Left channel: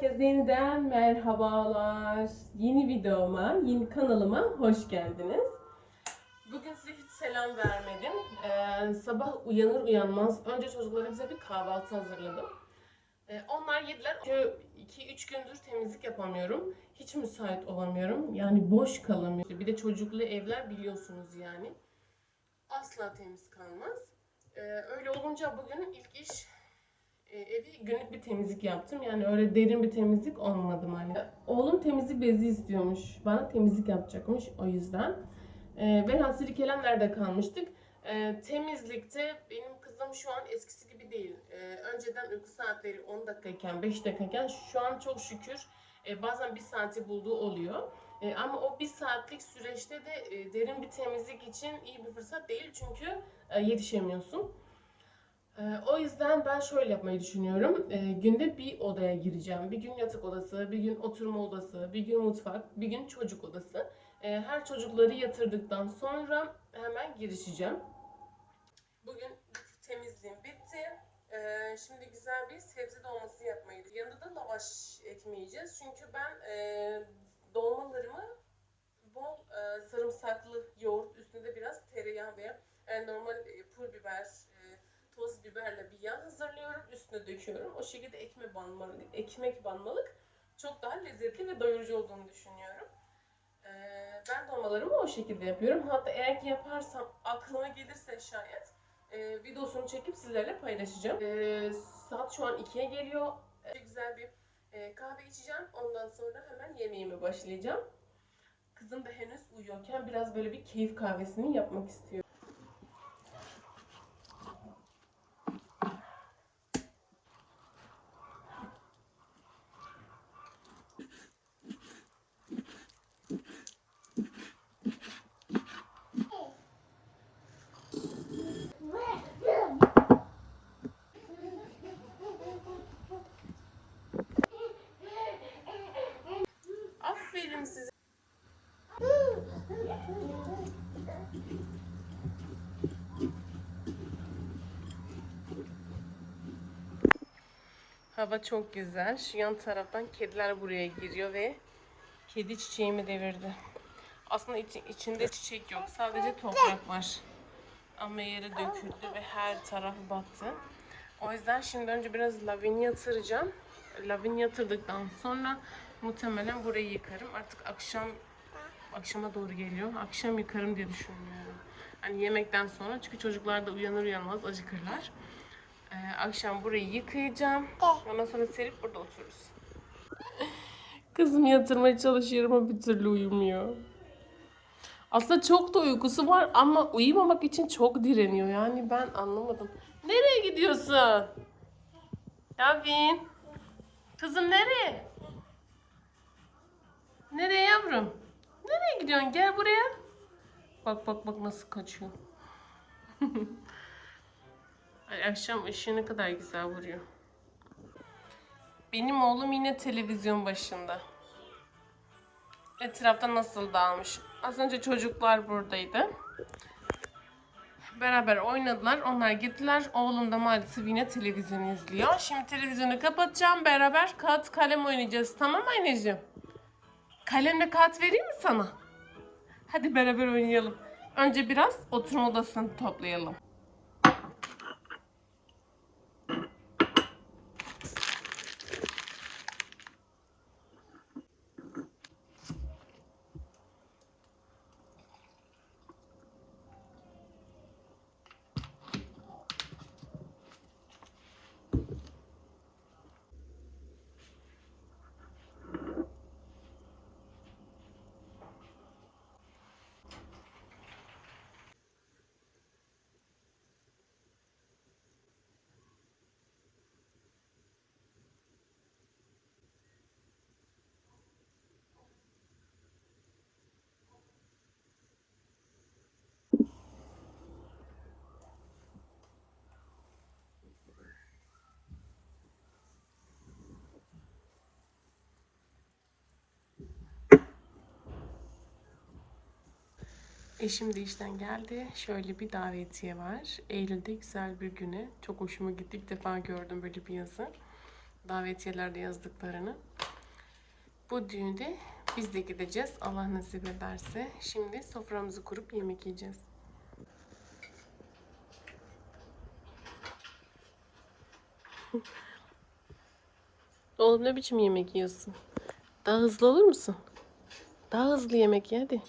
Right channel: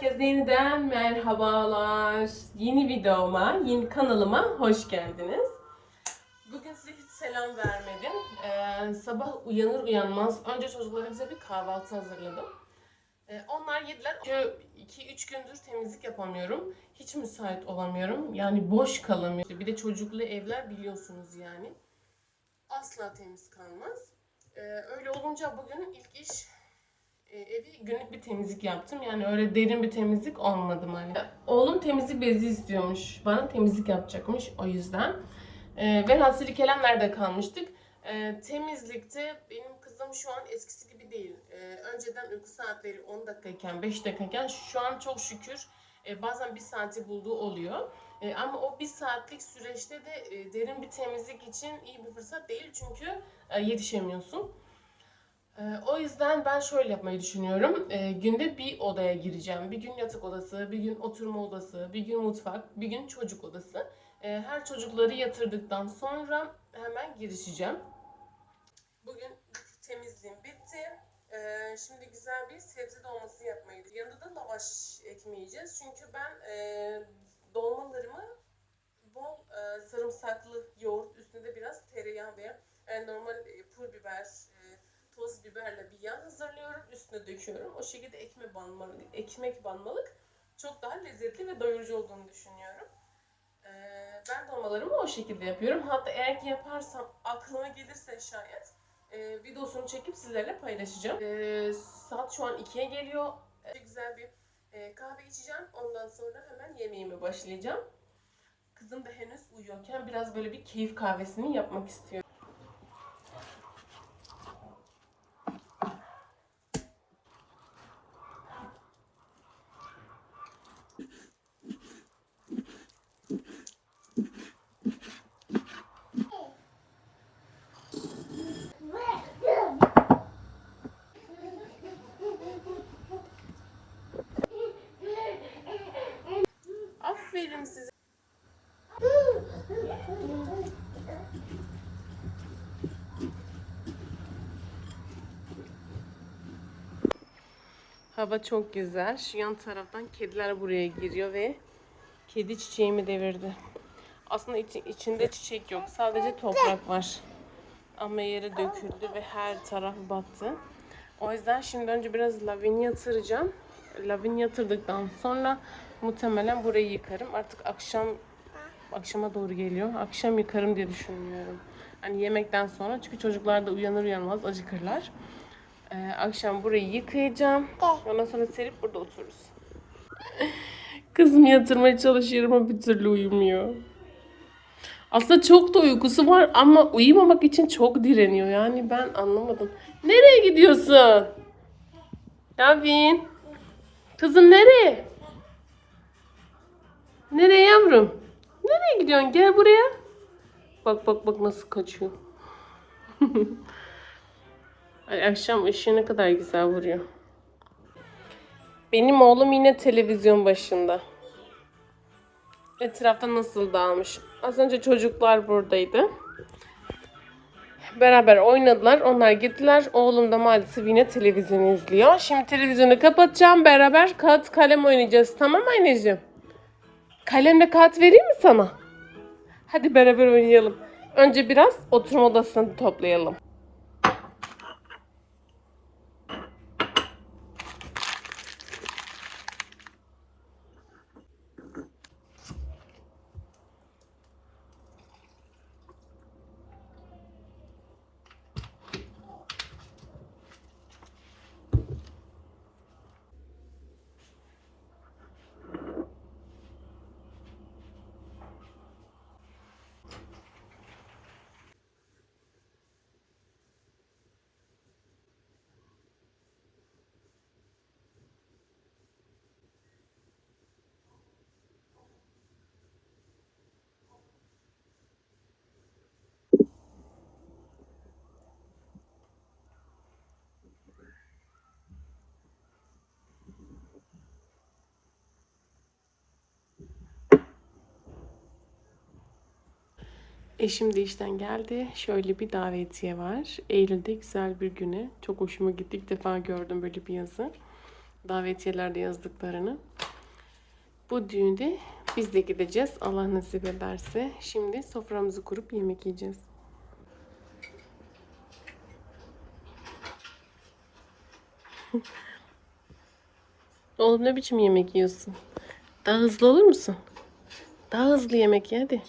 Herkese yeniden merhabalar. Yeni videoma, yeni kanalıma hoş geldiniz. Bugün size hiç selam vermedim. Ee, sabah uyanır uyanmaz önce çocuklara bir kahvaltı hazırladım. Ee, onlar yediler. 2-3 gündür temizlik yapamıyorum. Hiç müsait olamıyorum. Yani boş kalamıyorum. Bir de çocuklu evler biliyorsunuz yani. Asla temiz kalmaz. Ee, öyle olunca bugün ilk iş evi günlük bir temizlik yaptım. Yani öyle derin bir temizlik olmadı hani. Oğlum temizlik bezi istiyormuş. Bana temizlik yapacakmış o yüzden. Ee, Hasili Kelemler'de kalmıştık. Ee, temizlikte benim kızım şu an eskisi gibi değil. Ee, önceden uyku saatleri 10 dakikayken, 5 dakikayken şu an çok şükür e, bazen bir saati bulduğu oluyor. E, ama o bir saatlik süreçte de e, derin bir temizlik için iyi bir fırsat değil çünkü e, yetişemiyorsun. Ee, O yüzden ben şöyle yapmayı düşünüyorum. Ee, günde bir odaya gireceğim. Bir gün yatak odası, bir gün oturma odası, bir gün mutfak, bir gün çocuk odası. Ee, her çocukları yatırdıktan sonra hemen girişeceğim. Bugün temizliğim bitti. Ee, şimdi güzel bir sebze dolması yapmayı Yanında da lavaş ekmeği yiyeceğiz. Çünkü ben e, dolmalarımı bol e, sarımsaklı yoğurt üstünde biraz tereyağı veya e, normal e, pul biber, e, toz biberle bir yağ hazırlıyorum. Üstüne döküyorum. O şekilde ekmek banmalık, ekmek banmalık çok daha lezzetli ve doyurucu olduğunu düşünüyorum. Ee, ben dolmalarımı o şekilde yapıyorum. Hatta eğer ki yaparsam aklıma gelirse şayet e, videosunu çekip sizlerle paylaşacağım. Ee, saat şu an 2'ye geliyor. Ee, güzel bir e, kahve içeceğim. Ondan sonra hemen yemeğime başlayacağım. Kızım da henüz uyuyorken biraz böyle bir keyif kahvesini yapmak istiyorum. Aferin size. Hava çok güzel. Şu yan taraftan kediler buraya giriyor ve kedi çiçeğimi devirdi. Aslında içi- içinde çiçek yok. Sadece toprak var. Ama yere döküldü ve her taraf battı. O yüzden şimdi önce biraz lavin yatıracağım. Lavin yatırdıktan sonra muhtemelen burayı yıkarım. Artık akşam akşama doğru geliyor. Akşam yıkarım diye düşünüyorum. Hani yemekten sonra çünkü çocuklar da uyanır uyanmaz acıkırlar. Ee, akşam burayı yıkayacağım. Ondan sonra serip burada otururuz. Kızım yatırmaya çalışıyorum ama bir türlü uyumuyor. Aslında çok da uykusu var ama uyumamak için çok direniyor. Yani ben anlamadım. Nereye gidiyorsun? Lavin. Kızım nereye? Nereye yavrum? Nereye gidiyorsun? Gel buraya. Bak bak bak nasıl kaçıyor. Ay akşam ışığı ne kadar güzel vuruyor. Benim oğlum yine televizyon başında. Etrafta nasıl dağılmış. Az önce çocuklar buradaydı. Beraber oynadılar. Onlar gittiler. Oğlum da maalesef yine televizyon izliyor. Şimdi televizyonu kapatacağım. Beraber kağıt kalem oynayacağız. Tamam anneciğim? Kalemle kağıt vereyim mi sana? Hadi beraber oynayalım. Önce biraz oturma odasını toplayalım. Eşim de işten geldi. Şöyle bir davetiye var. Eylül'de güzel bir güne. Çok hoşuma gitti. İlk defa gördüm böyle bir yazı. Davetiyelerde yazdıklarını. Bu düğünde biz de gideceğiz. Allah nasip ederse. Şimdi soframızı kurup yemek yiyeceğiz. Oğlum ne biçim yemek yiyorsun? Daha hızlı olur musun? Daha hızlı yemek ye hadi.